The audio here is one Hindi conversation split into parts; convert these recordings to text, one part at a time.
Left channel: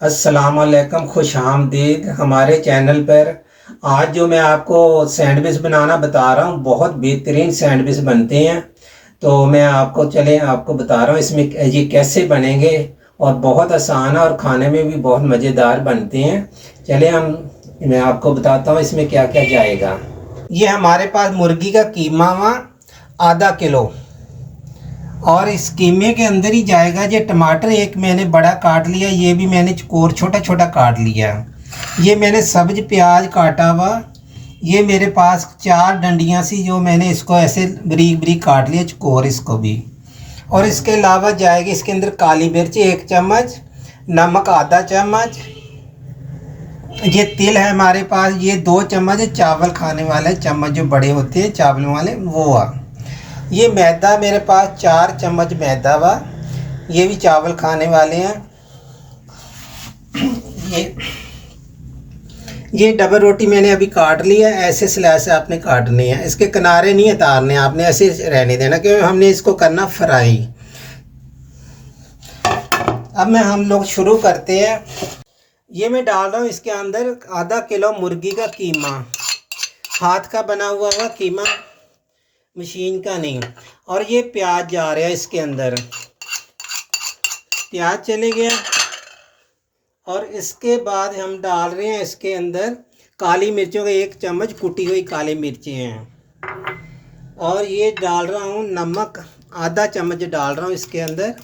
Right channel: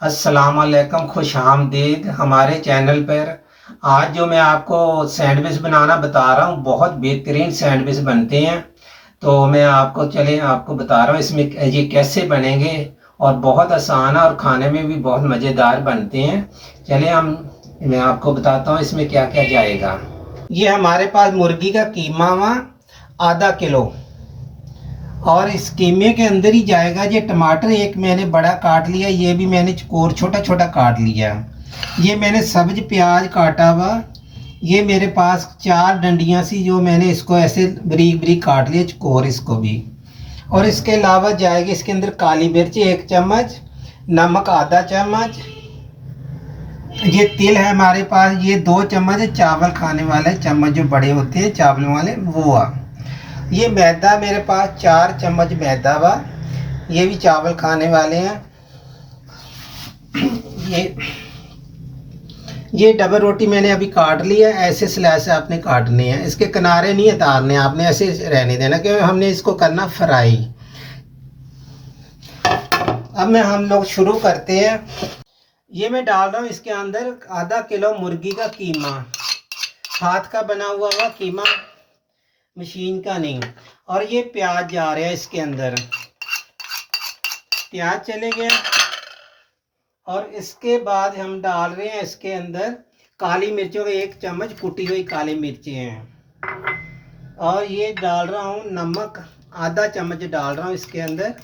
अस्सलामुअलैकुम, खुश आमदीद हमारे चैनल पर। आज जो मैं आपको सैंडविच बनाना बता रहा हूँ, बहुत बेहतरीन सैंडविच बनते हैं। तो मैं आपको बता रहा हूँ इसमें ये कैसे बनेंगे। और बहुत आसान है और खाने में भी बहुत मज़ेदार बनते हैं। चले मैं आपको बताता हूँ इसमें क्या क्या जाएगा। ये हमारे पास मुर्गी का कीमा हुआ आधा किलो। और इस कीमे के अंदर ही जाएगा ये टमाटर, एक मैंने बड़ा काट लिया, ये भी मैंने चकोर छोटा छोटा काट लिया। ये मैंने सब्ज प्याज काटा हुआ। ये मेरे पास 4 डंडियाँ सी, जो मैंने इसको ऐसे बरीक बरीक काट लिया चकोर इसको भी। और इसके अलावा जाएगी इसके अंदर काली मिर्च 1 चम्मच, नमक आधा चम्मच, ये तिल है हमारे पास, ये 2 चम्मच, चावल खाने वाले चम्मच जो बड़े होते हैं चावलों वाले वो आ। ये मैदा मेरे पास 4 चम्मच मैदा वा, ये भी चावल खाने वाले हैं। ये डबल रोटी मैंने अभी काट लिया, ऐसे स्लाइस आपने काटने हैं, इसके किनारे नहीं उतारने, आपने ऐसे रहने देना क्योंकि हमने इसको करना फ्राई। अब हम लोग शुरू करते हैं। ये मैं डाल रहा हूँ इसके अंदर आधा किलो मुर्गी का कीमा, हाथ का बना हुआ कीमा, मशीन का नहीं। और ये प्याज जा रहा है इसके अंदर, प्याज चले गए। और इसके बाद हम डाल रहे हैं इसके अंदर काली मिर्चों का 1 चम्मच, कुटी हुई काली मिर्चें हैं। और ये डाल रहा हूँ नमक, आधा चम्मच डाल रहा हूँ इसके अंदर।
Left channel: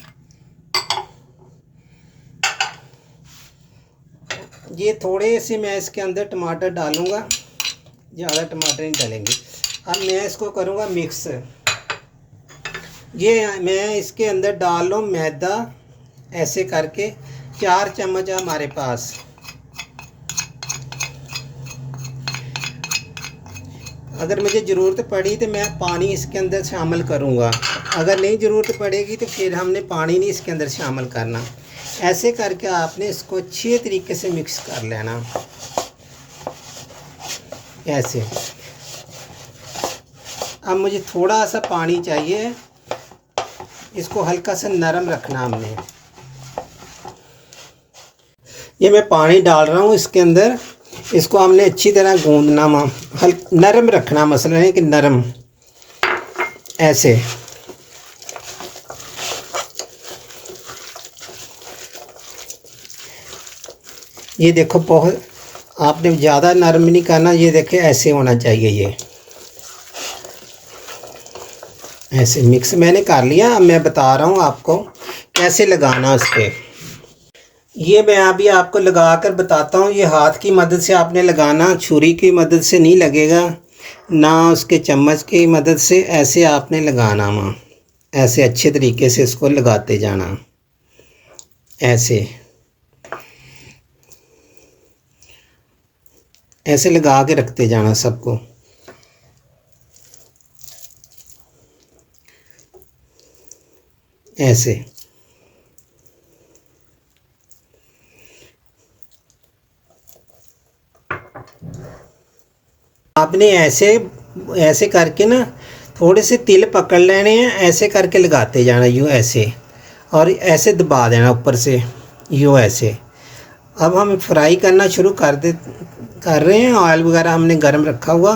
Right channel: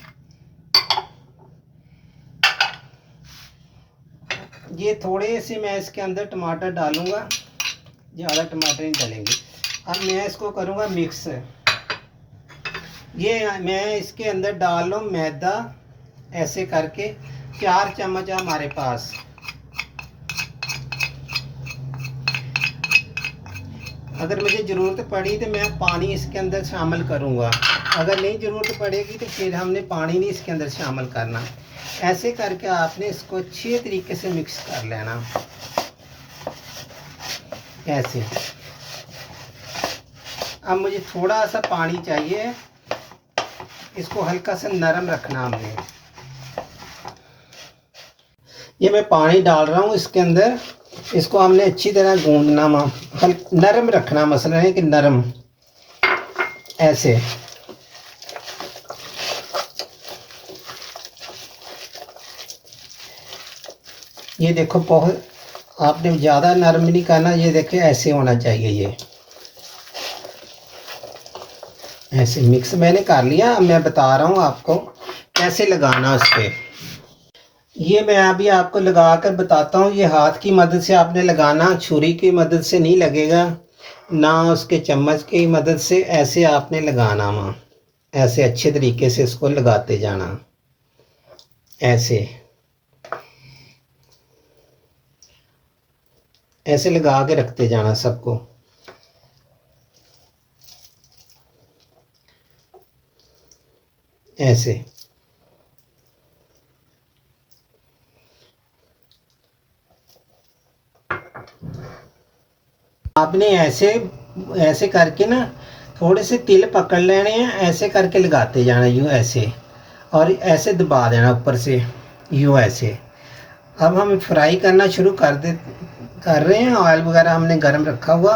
ये थोड़े से मैं इसके अंदर टमाटर डालूँगा, ज़्यादा टमाटर नहीं डालेंगे। अब मैं इसको करूँगा मिक्स। ये मैं इसके अंदर डाल लूँ मैदा, ऐसे करके 4 चम्मच है हमारे पास। अगर मुझे ज़रूरत पड़ी तो मैं पानी इसके अंदर शामिल करूँगा, अगर नहीं ज़रूरत पड़ेगी तो फिर हमने पानी नहीं इसके अंदर शामिल करना। ऐसे करके आपने इसको अच्छे तरीके से मिक्स कर लेना, ऐसे। अब मुझे थोड़ा सा पानी चाहिए, इसको हल्का सा नरम रखना हमने। ये मैं पानी डाल रहा हूँ इसके अंदर, इसको हमने अच्छी तरह गूंदना, नरम रखना, मसला है कि नरम, ऐसे। ये देखो, बहुत आपने ज़्यादा नरम नहीं करना, ये देखे ऐसे होना चाहिए। ये ऐसे मिक्स मैंने कर लिया। अब मैं बता रहा हूँ आपको कैसे लगाना उस पर। ये मैं अभी आपको लगा कर बताता हूँ। ये हाथ की मदद से आपने लगाना, छुरी की मदद से नहीं लगेगा, ना उसके चम्मच की मदद से, ऐसे आपने लगाना वहाँ, ऐसे अच्छे तरीके से इसको लगाते जाना, ऐसे ऐसे लगा के रखते जाना सबको। ऐसे आपने ऐसे करके ना थोड़े से तिल पकड़ लेने हैं, ऐसे करके लगाते जाना, यूँ ऐसे, और ऐसे दबा देना ऊपर से, यूँ ऐसे। अब हम फ्राई करना शुरू कर रहे हैं। ऑयल वगैरह हमने गर्म रखा हुआ,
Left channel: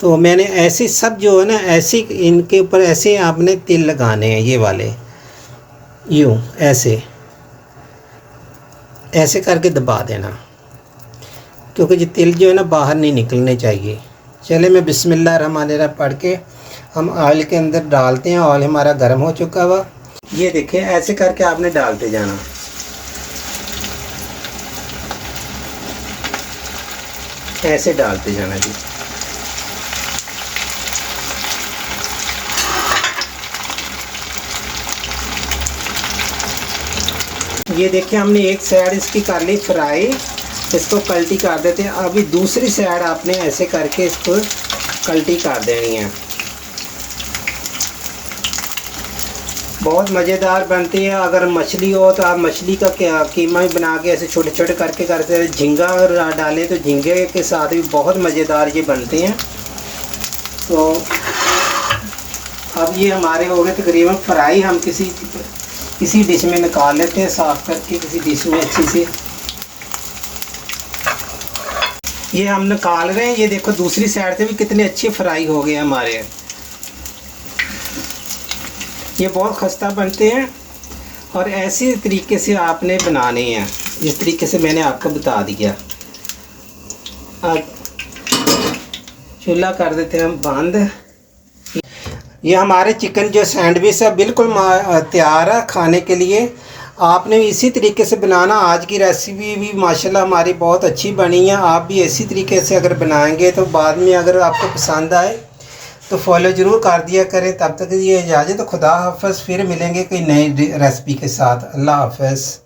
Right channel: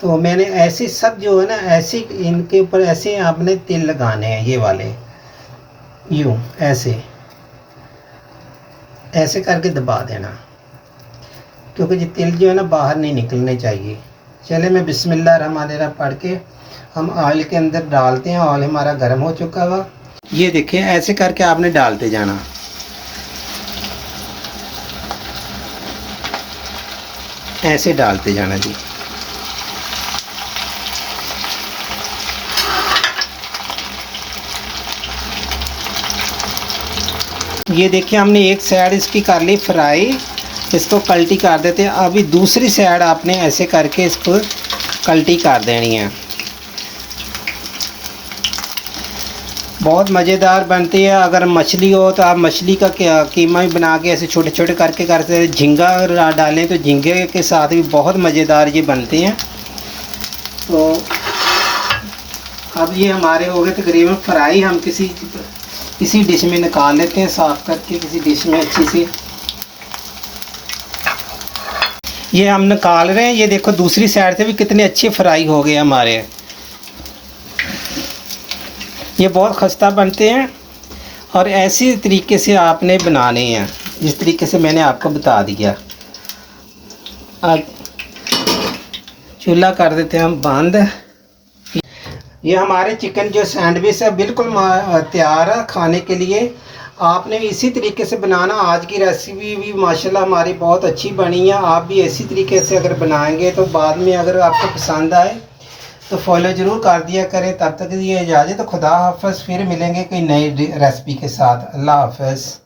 तो मैंने ऐसे सब जो है ना, ऐसे इनके ऊपर ऐसे आपने तिल लगाने हैं, ये वाले, यूँ ऐसे ऐसे करके दबा देना, क्योंकि ये तिल जो है ना बाहर नहीं निकलने चाहिए। चले मैं बिस्मिल्लाह रहमान रहीम पढ़ के हम ऑयल के अंदर डालते हैं। ऑयल हमारा गर्म हो चुका हुआ, ये देखिए ऐसे करके आपने डालते जाना, ऐसे डालते जाना जी। ये देखिए हमने एक साइड इसकी कर ली फ्राई, इसको पलटी कर देते हैं। अभी दूसरी साइड आपने ऐसे करके इसको पलटी कर देनी है। बहुत मज़ेदार बनती है। अगर मछली हो तो आप मछली का कीमा भी बना के ऐसे छोटे छोटे करके करते हैं। झींगा डालें तो झींगे के साथ भी बहुत मज़ेदार ये बनते हैं। तो अब ये हमारे हो गए तकरीबन फ्राई। हम किसी किसी डिश में निकाल लेते हैं, साफ़ करके किसी डिश में अच्छी से। ये हम निकाल रहे हैं। ये देखो दूसरी साइड से भी कितने अच्छे फ्राई हो गए हमारे। ये बहुत खस्ता बनते हैं और ऐसी तरीके से आपने बनाने हैं, जिस तरीके से मैंने आपको बता दिया। अब चूल्हा कर देते हैं हम बंद। ये हमारे चिकन जो सैंडविच है बिल्कुल तैयार है खाने के लिए। आपने इसी तरीके से बनाना। आज की रेसिपी भी माशाल्लाह हमारी बहुत अच्छी बनी है। आप भी इसी तरीके से अगर बनाएंगे तो बाद में अगर आपको पसंद आए तो फॉलो ज़रूर कर दिया करें। तब तक ये इजाज़त, खुदा हाफ़िज़। फिर मिलेंगे कोई नई रेसिपी के साथ। अल्लाह हाफ़िज़।